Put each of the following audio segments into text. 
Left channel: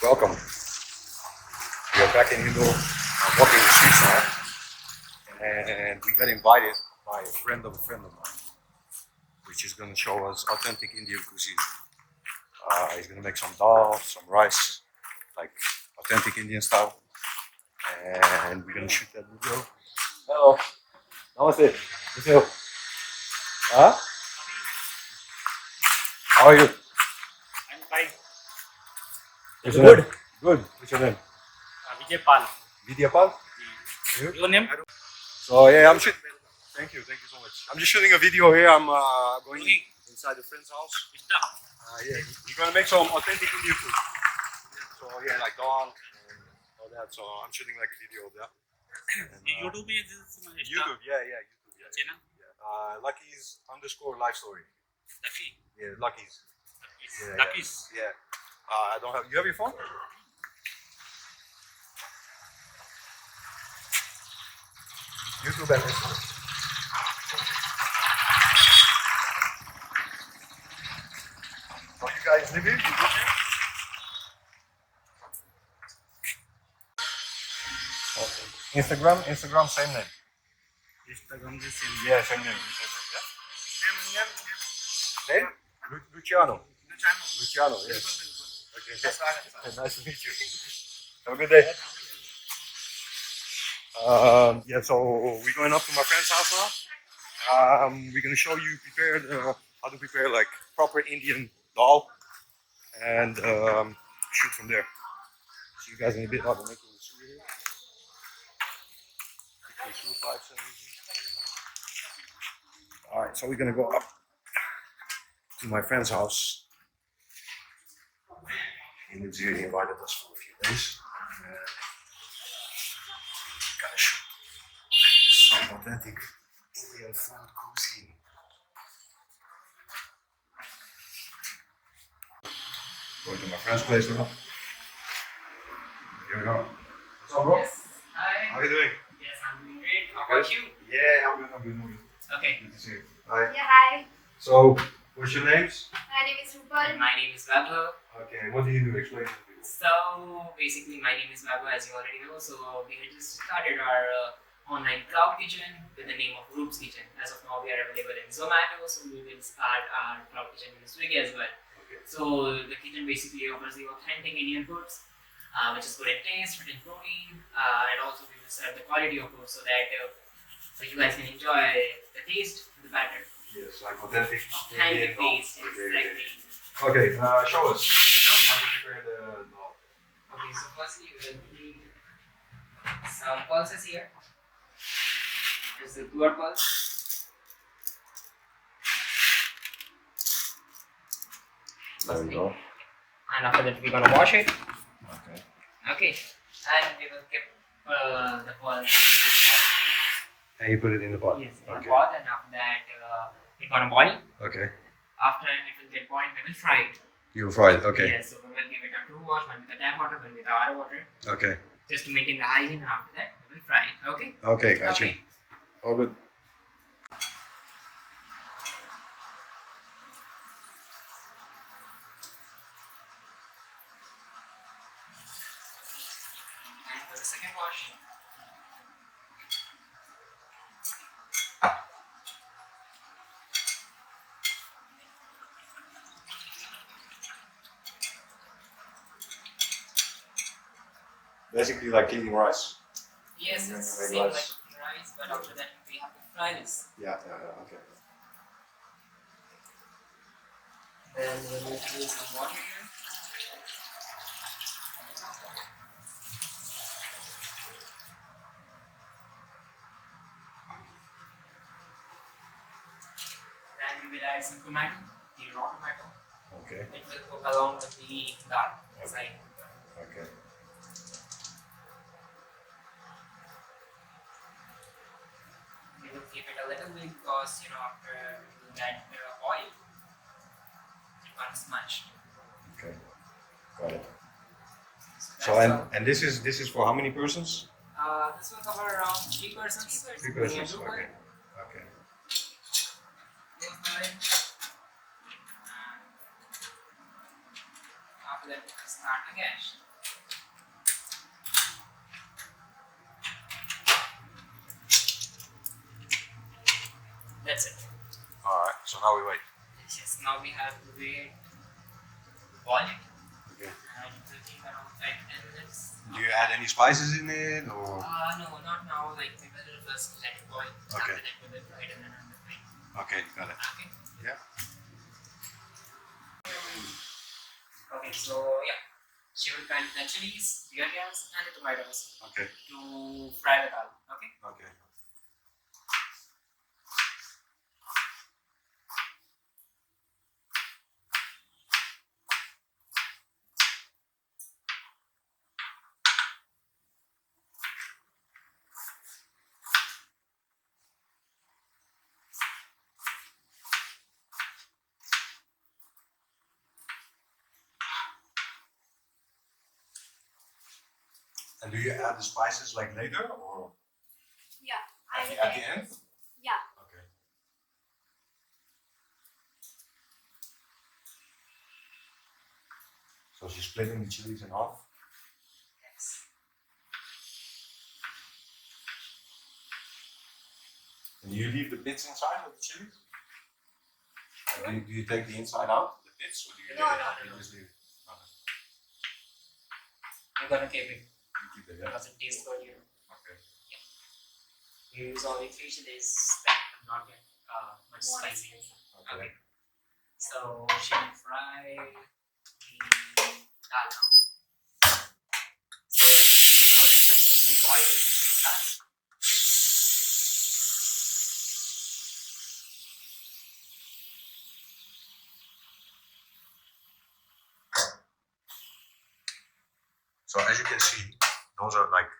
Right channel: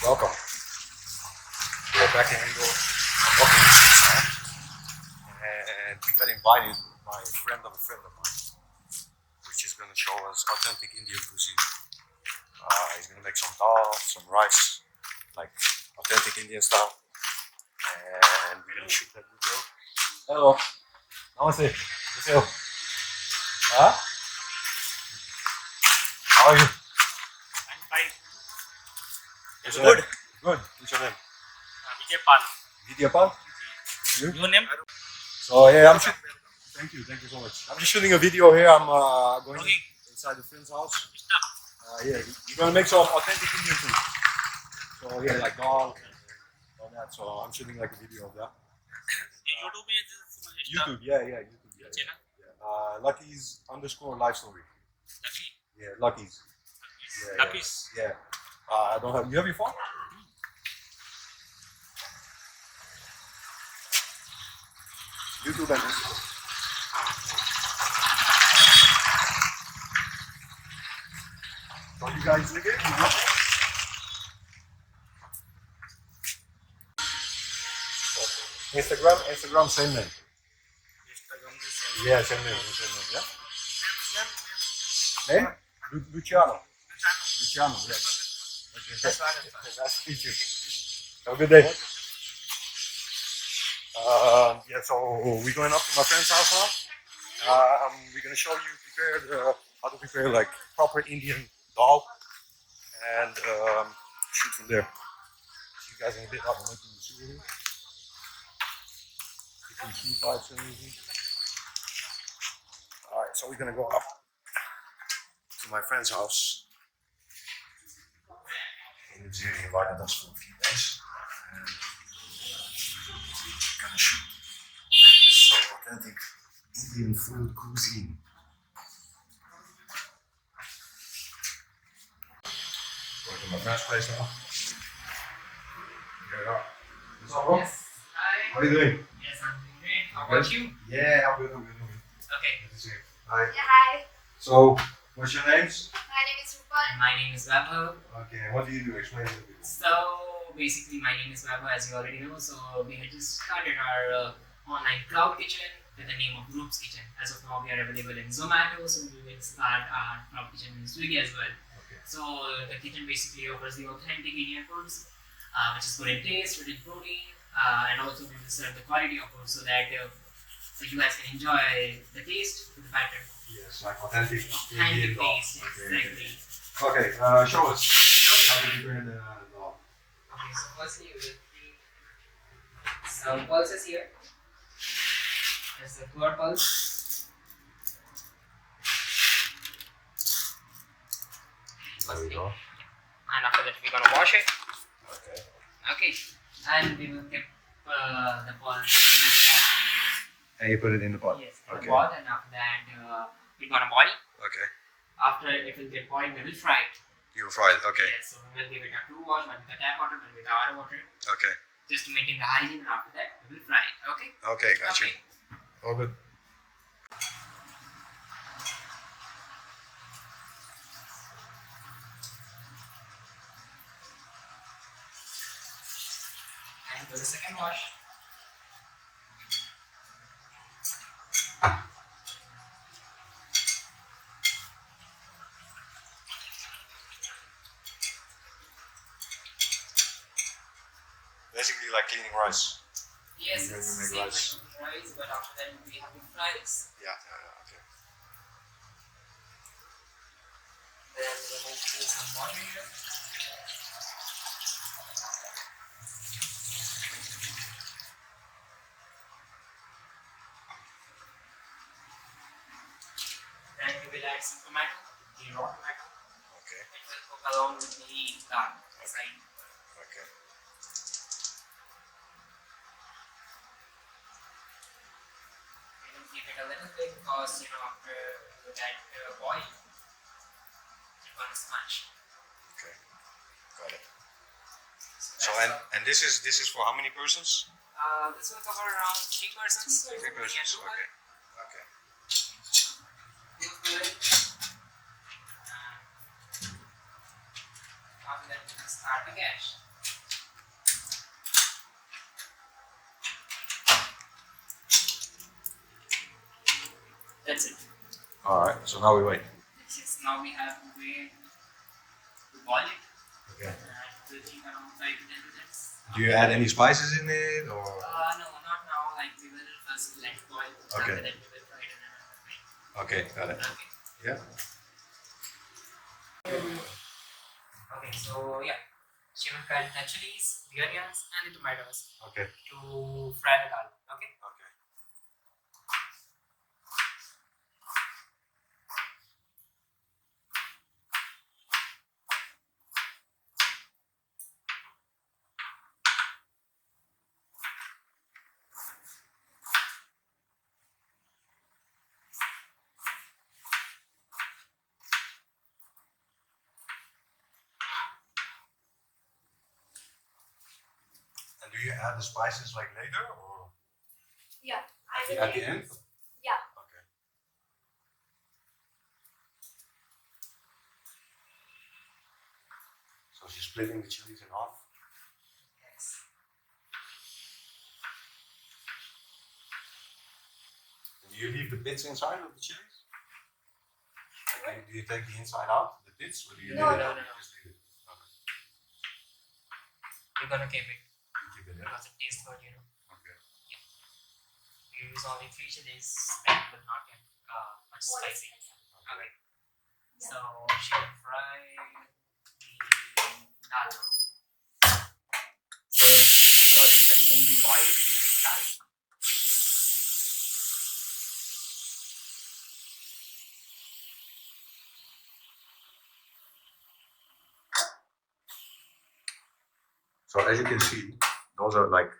Welcome. We are back in Indo. I'm walking the streets now, and we got invited by a friend of mine, which is going to show us authentic Indian cuisine. He's going to make some dal, some rice, like authentic Indian style, and we're going to shoot that video. Hello. Namaste. Namaste. Huh? How are you? I'm fine. What's Good. your name? Good. What's your name? Vijay Pal. Vidyapal? You? Your name? So yeah, I'm shooting. Thank you so much. I'm just shooting a video here. I'm going Okay. inside a friend's house. Stop. Yeah, we're gonna make some authentic Indian food. So yeah, like dal and all that. So I'm shooting like a video of that. And, YouTube is YouTube, yeah, YouTube, yeah. channel. Lucky's _ life story. Lucky. Yeah, Lucky's. Yeah, Lucky's. Yeah. I don't have. You have your phone? YouTube and Instagram. So you guys live here? You work here? Okay. Instagram, same name. Instagram the same. Yeah, same name, yeah? Name? Luciano, yes. Okay. Nice to meet you. Have a good day. Yeah, so we're going up to my friend's house now. We're gonna show you how to prepare like proper Indian dal and shoot from there. See you guys in a bit. I'll be making the sewer here. Taking sewer pipes and everything. Alright, so we're gonna go up to my friend's house. He lives here. He invited us for a few days. And gonna shoot some authentic Indian food cuisine. Going to my friend's place now. Here we are. What's up, bro? Yes. Hi. How are you doing? Yes, I'm doing great. How about you? Yeah, I'm good. Okay. Good to see you. Hi. Yeah, hi. So, what's your names? My name is Rupal. My name is Vaibhav. Okay, what do you do? Explain it to me. So basically, my name is Vaibhav, as you already know. So we had just started our online cloud kitchen with the name of Roop's Kitchen. As of now, we are available in Zomato, so we will start our cloud kitchen in Swiggy as well. Okay. So the kitchen basically offers the authentic Indian foods, which is good in taste, good in protein, and also we will serve the quality of food so that so you guys can enjoy the taste to the batter. Yes, like authentic Hand Indian and dal. taste, Okay, exactly. okay. Show us how to prepare the dal. Okay, so firstly we will need some pulses here. There's the pure pulse. There we go. And after that we're gonna wash it. Okay. Okay. And we will keep the pulse in this pot. And you put it in the pot. Yes, in Okay. the pot, and after that we're gonna boil. Okay. After it will get boiled, we will fry it. You fry it. Okay. Yes, so we will give it a true wash, one with the tap water, one with the hot water. Okay. Just to maintain the hygiene, and after that we will fry it. Okay? Okay, got you. Okay. All good. And for the second wash. Basically like cleaning rice. Yes, And it's then same we like rice. rice, but after that we have to fry this. Yeah, okay. Then we will put some water here. Then we will add some tomato, the raw tomato. Okay. It will cook along with the dal inside. Okay. We will keep it a little bit because after you get oil, it can't smash. Okay. Got it. So So that's and this is for how many persons? this will cover around 3 persons. 3 Me and persons. Rupal. Okay. Okay. Both women. After that, we can start the gas. Alright, so now we wait. Yes, now we have to wait to boil it Okay. and it will take around 5 to 10 minutes. Do you add any spices in it or? No, not now. Like we will first let it boil. Okay. After that we will fry it in another pan. Okay, got it. Okay. Yeah. Okay, so yeah, she will fry the chilies, the onions, and the tomatoes Okay. to fry the dal. Okay. Okay. And do you add the spices like later or Yeah, I will at the end? Yeah. Okay. So she's splitting the chilies in half. Yes. And do you leave the pits inside of the chilies? Like, do you take the inside out, the pits, or do you No, leave it? no, You no. just leave it. Okay. We're gonna keep it You keep it, yeah. because it tastes good, you know. Okay. We use only 3 chilies that will not get much More spicy. spicy. Okay. Yeah. So she will fry the dal now. So she will already contain the boiled dal. So as you can see, those are like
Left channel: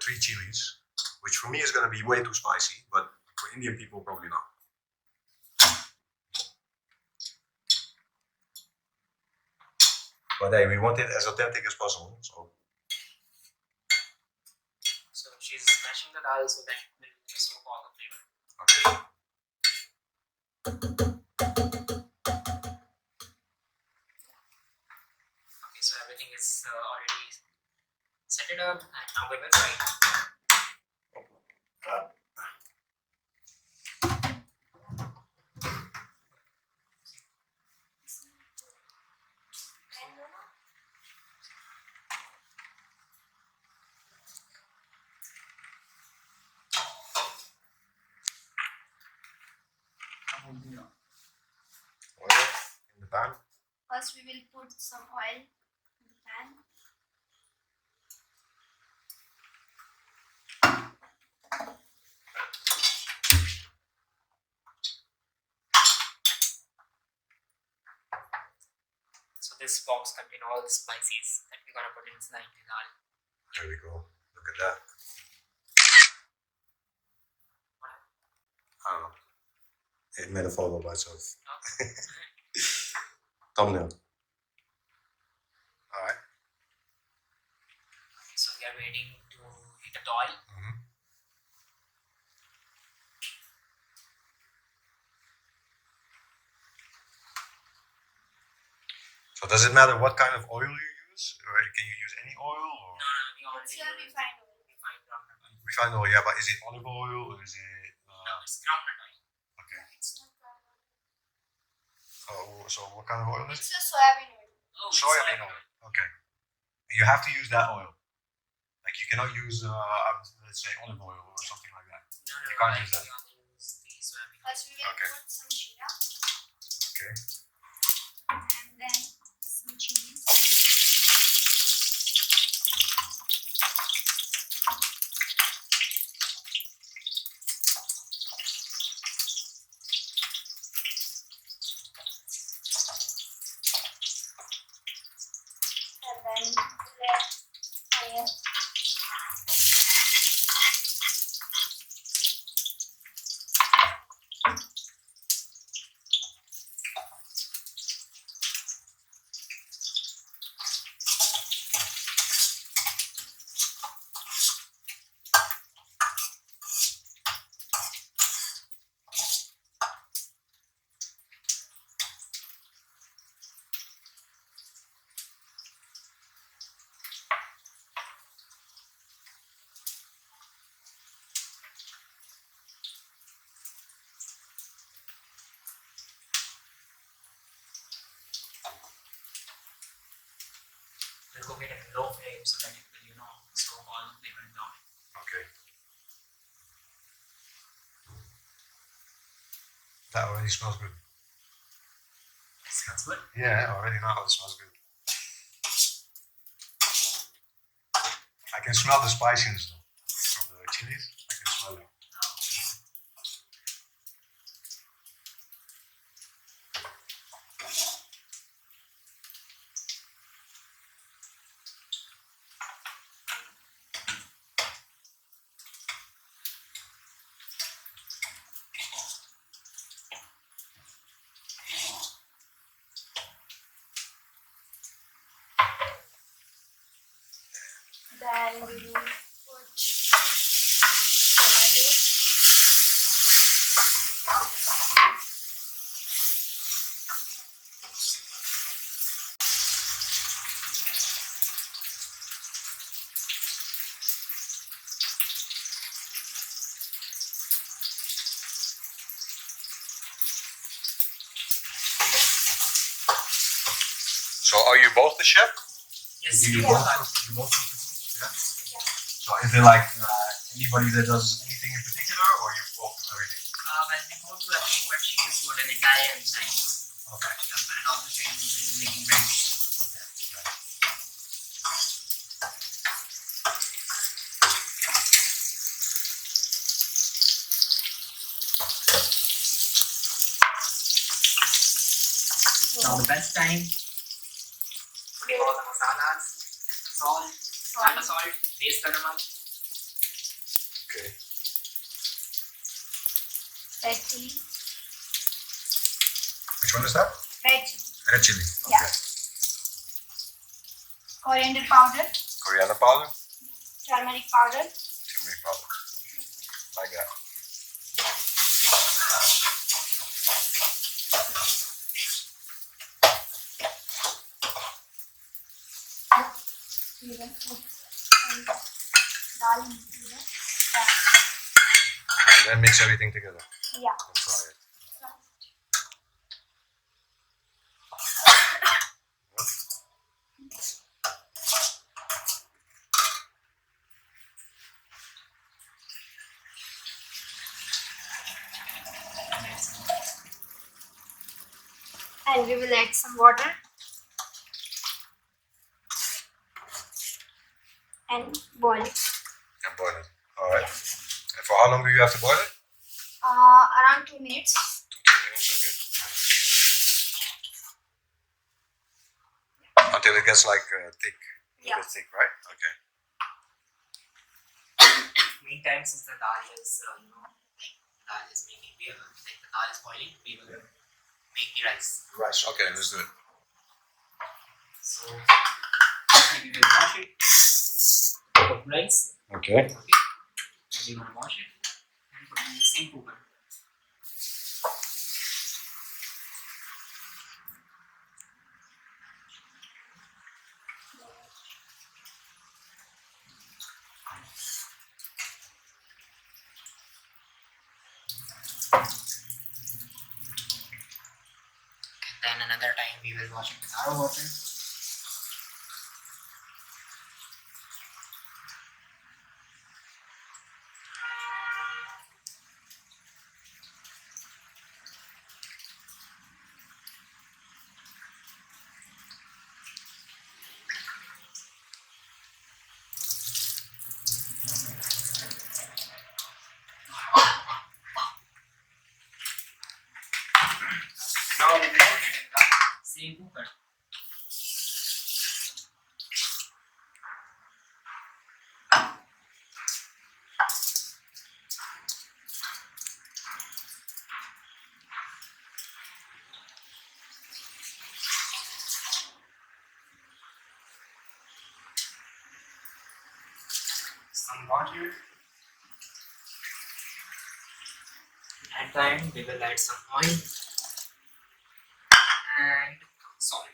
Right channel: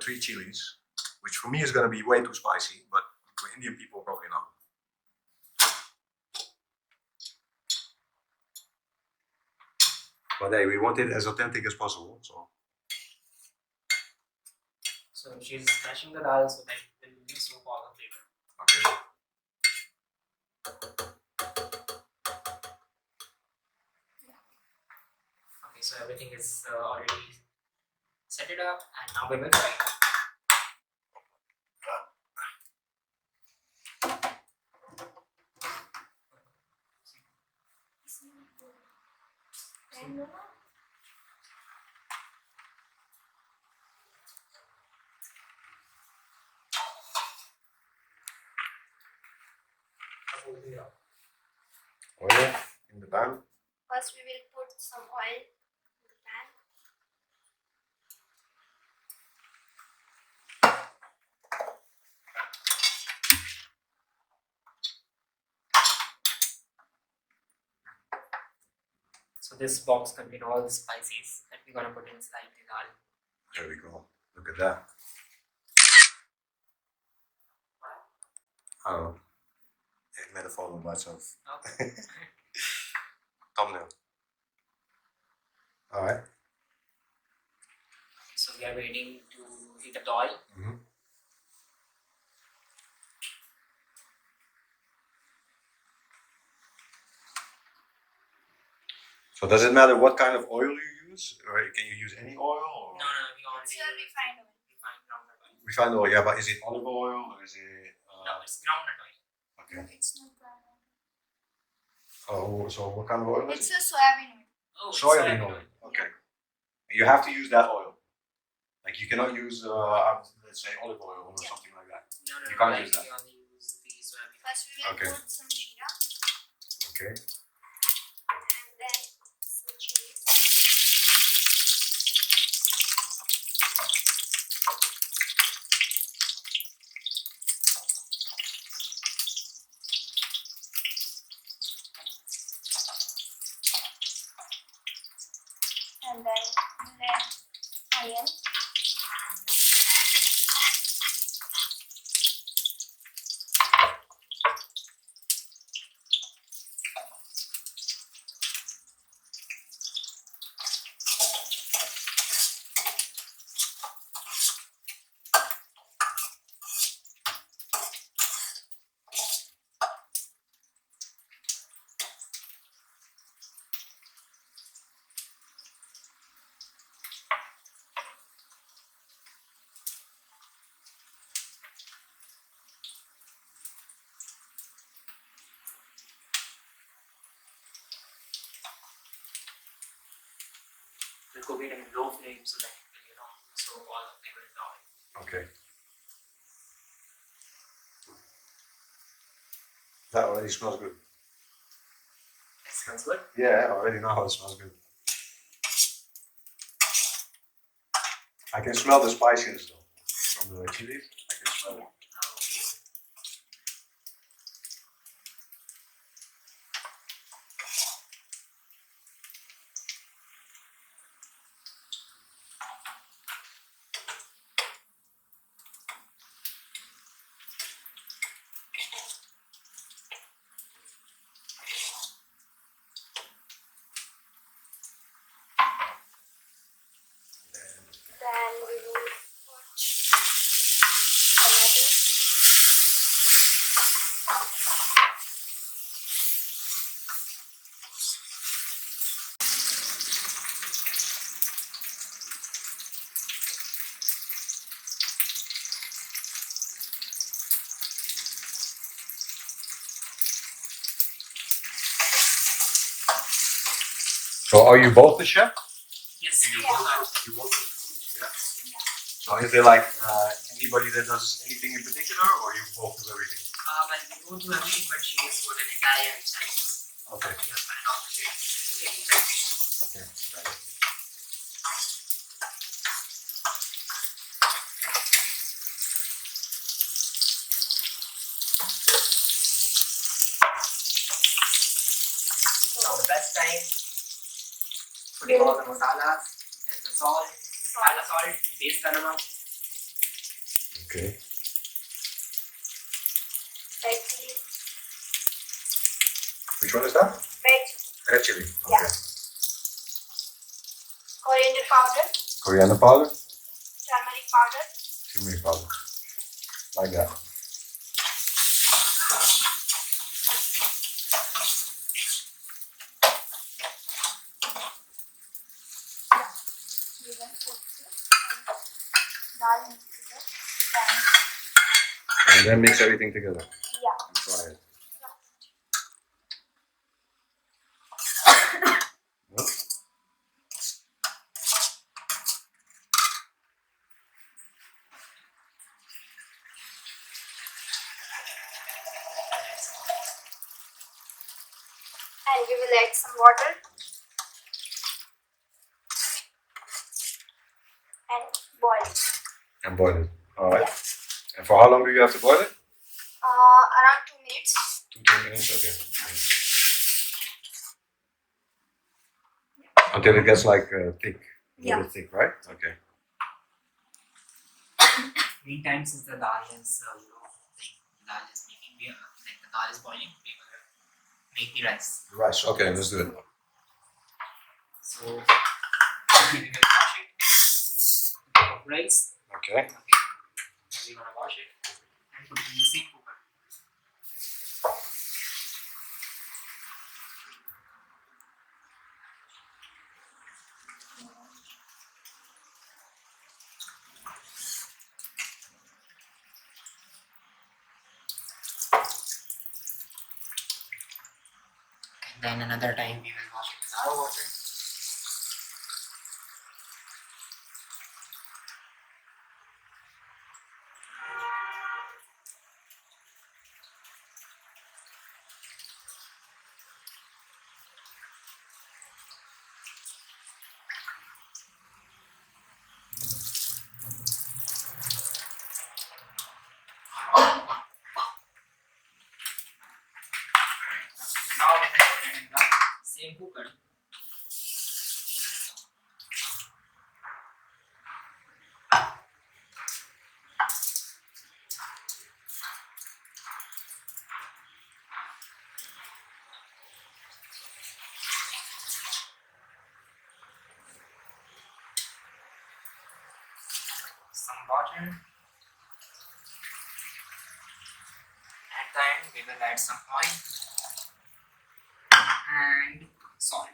3 chilies, which for me is going to be way too spicy, but for Indian people probably not. But hey, we want it as authentic as possible, so So she's mashing the dal so that it will soak all the flavor. okay. Okay, so everything is already set it up, and now we will fry. Oil in the pan. First, we will put some oil in the pan. So this box contains all the spices that we're gonna put inside the dal. There we go. Look at that. I don't know. It made a photo by itself. Okay. Thumbnail. Alright. So we are waiting to heat the oil. Mm-hmm. So does it matter what kind of oil you use? Or can you use any oil? Or? No, we only It's use a refined oil. refined groundnut oil. Refined oil, yeah, but is it olive oil or is it? No, it's groundnut oil. Okay. No, it's not brown oil. Oh, so what kind of oil is It's it? a soybean oil. Oh, it's Soybean oil. Okay. And you have to use that oil. Like you cannot use, let's say, olive oil or Yeah. something like that. No, You can't like use that. We only use the soybean oil. First, we will Okay. put some jeera Okay. and then some chilies. And then red onion. will cook it in low flame so that it will, soak all the flavor in the oil. Okay. That already smells good. It smells good. Yeah, I already know how it smells good. I can smell the spiciness though. From the chilies, I can smell it. Then we will put tomatoes. So are you both the chef? Yes, Do you we both are. cook? You both cook the food? Yeah. Yeah. So is there like anybody that does anything in particular, or you both do everything? Well, we don't do everything, but she is good in Italian and Chinese. Okay. Yeah, and also she is making bread. Okay. Got it. Now the best time putting all the masalas, there's the salt, masala salt, base ka namak, Okay. Red chili. Which one is that? Red chili. Red chili. Okay. Yeah. Coriander powder. Coriander powder. Turmeric powder. Turmeric powder. Like that. We will put and dal and papad. And then mix everything together Yeah. and fry it. Yep. And we will add some water. And boil it. And boil it. All right. And for how long do you have to boil it? Around 2 minutes. 2 minutes. Okay. 2 minutes. Until it gets like thick. A Yeah. little thick, right? Okay. meantime since the dal is, the dal is making, the dal is boiling, we will make the rice. Rice. Okay, let's do it. So, we will wash it, cup of rice, Okay. then we're gonna wash it and put it in the same cooker. And then another time we will wash it with our water. Now we will put it in the same cooker. Some water. At the end, we will add some oil and salt.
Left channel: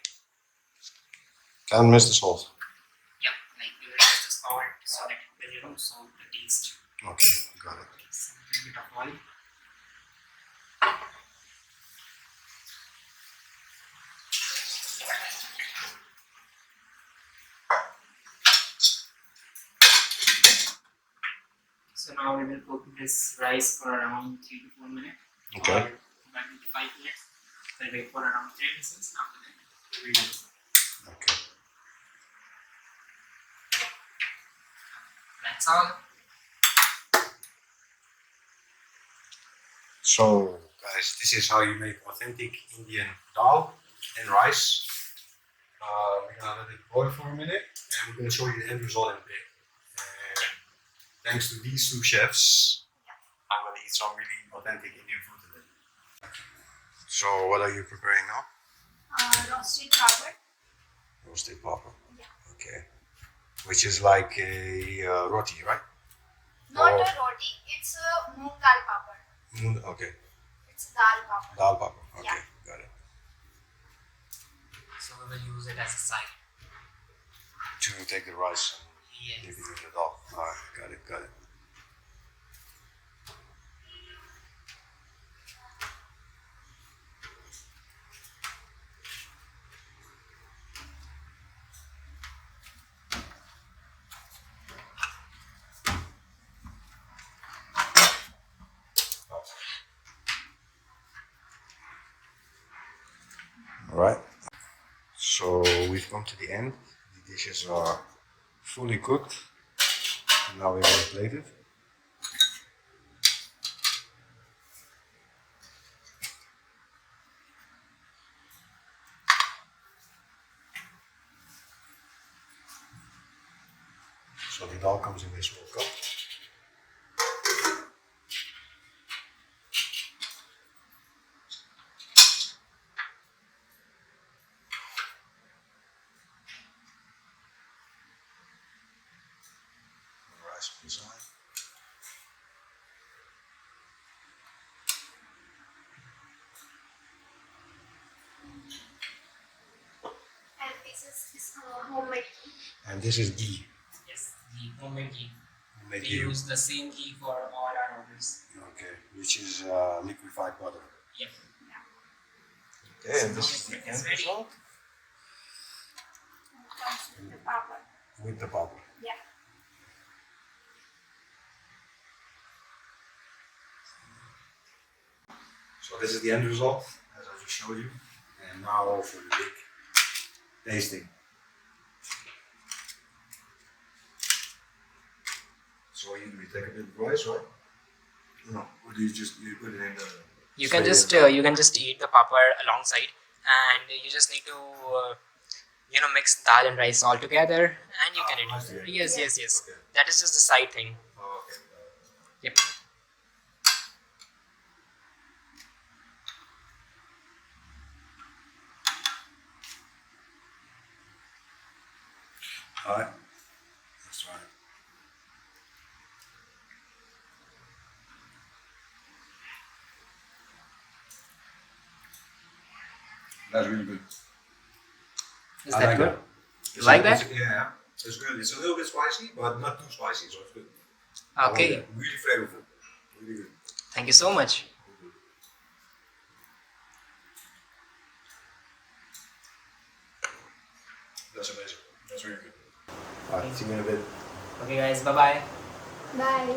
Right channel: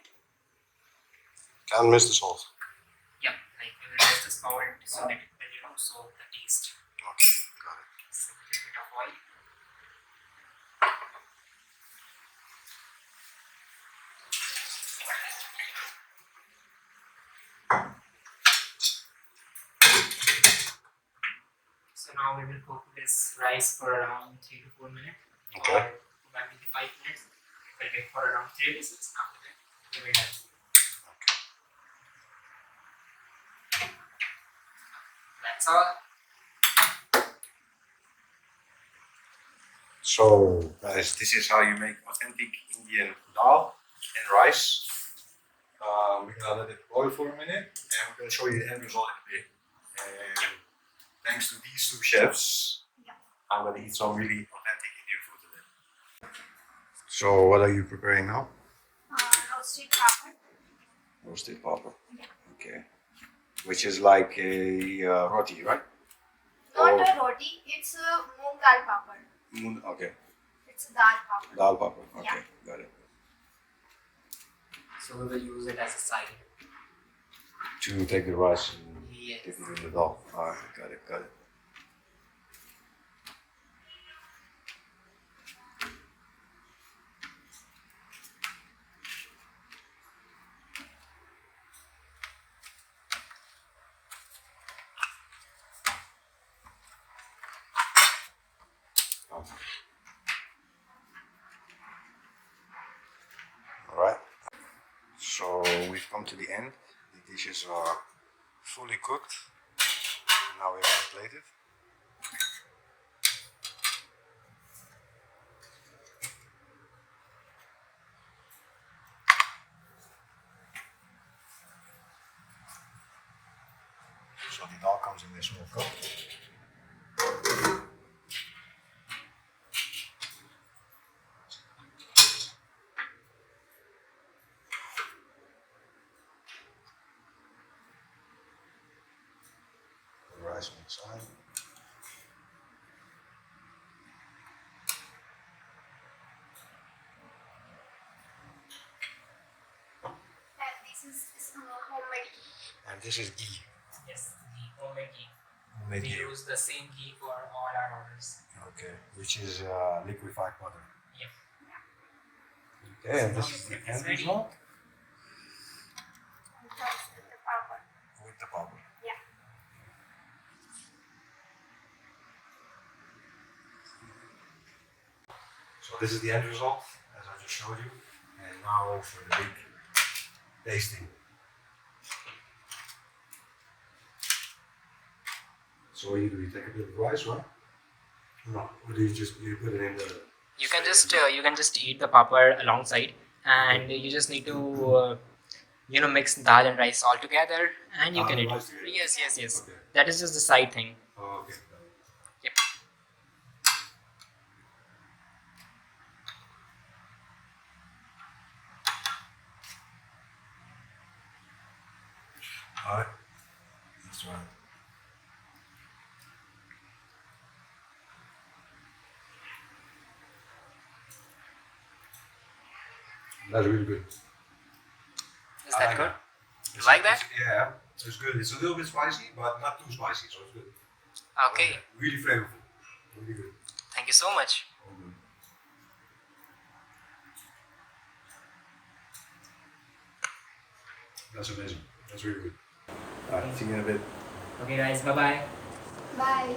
Can't miss the salt. Yeah, like we will add the salt so that it will, soak the taste. Okay, got it. Some little bit of oil. now we will cook this rice for around 3 to 4 minutes. Okay. Or probably 5 minutes. We'll wait for around 3 whistles. After that, we will done. Okay. That's all. So, guys, this is how you make authentic Indian dal and rice. We're gonna let it boil for a minute, and we're gonna show you the end result in a bit. And thanks to these two chefs, I'm gonna eat some really authentic Indian food today. So, what are you preparing now? Roasted papad. Roasted papad. Yeah. Okay. Which is like a roti, right? Not Or- a roti, it's a moong dal papad. Okay. It's a dal papad. Dal papad. Okay, got it. So we will use it as a side. To take the rice and Yes. dip it in the dal. Alright, got it, got it. Alright, so we've come to the end. The dishes are fully cooked. Now we're going to plate it. So the dal comes in this small cup. Put the rice on the side. And this is homemade ghee. And this is ghee. Yes, ghee, homemade ghee. Homemade We ghee. use the same ghee for all our orders. Okay, which is liquefied butter. Yes. Okay, and So this now is the it's end ready. result And comes with the papad. with the papad. Yeah. So this is the end result, as I just showed you. And now for the big tasting. So what do? You take a bit of rice, right? No, or do you put it in the? You can straight in? just eat the papad alongside, and you just need to mix dal and rice all together, and you Dal can and eat rice it. together? Yes, yes, yes. Okay. That is just the side thing. Oh, okay. Yep. All right. That's right. That's really good. Is I that like good? that. You like that? Yeah, it's good. It's a little bit spicy, but not too spicy, so it's good. Okay. I like it. Really flavorful. Really good. Thank you so much. All good. That's amazing. That's really good. Alright, see you in a bit. Okay, guys. Bye bye. Bye.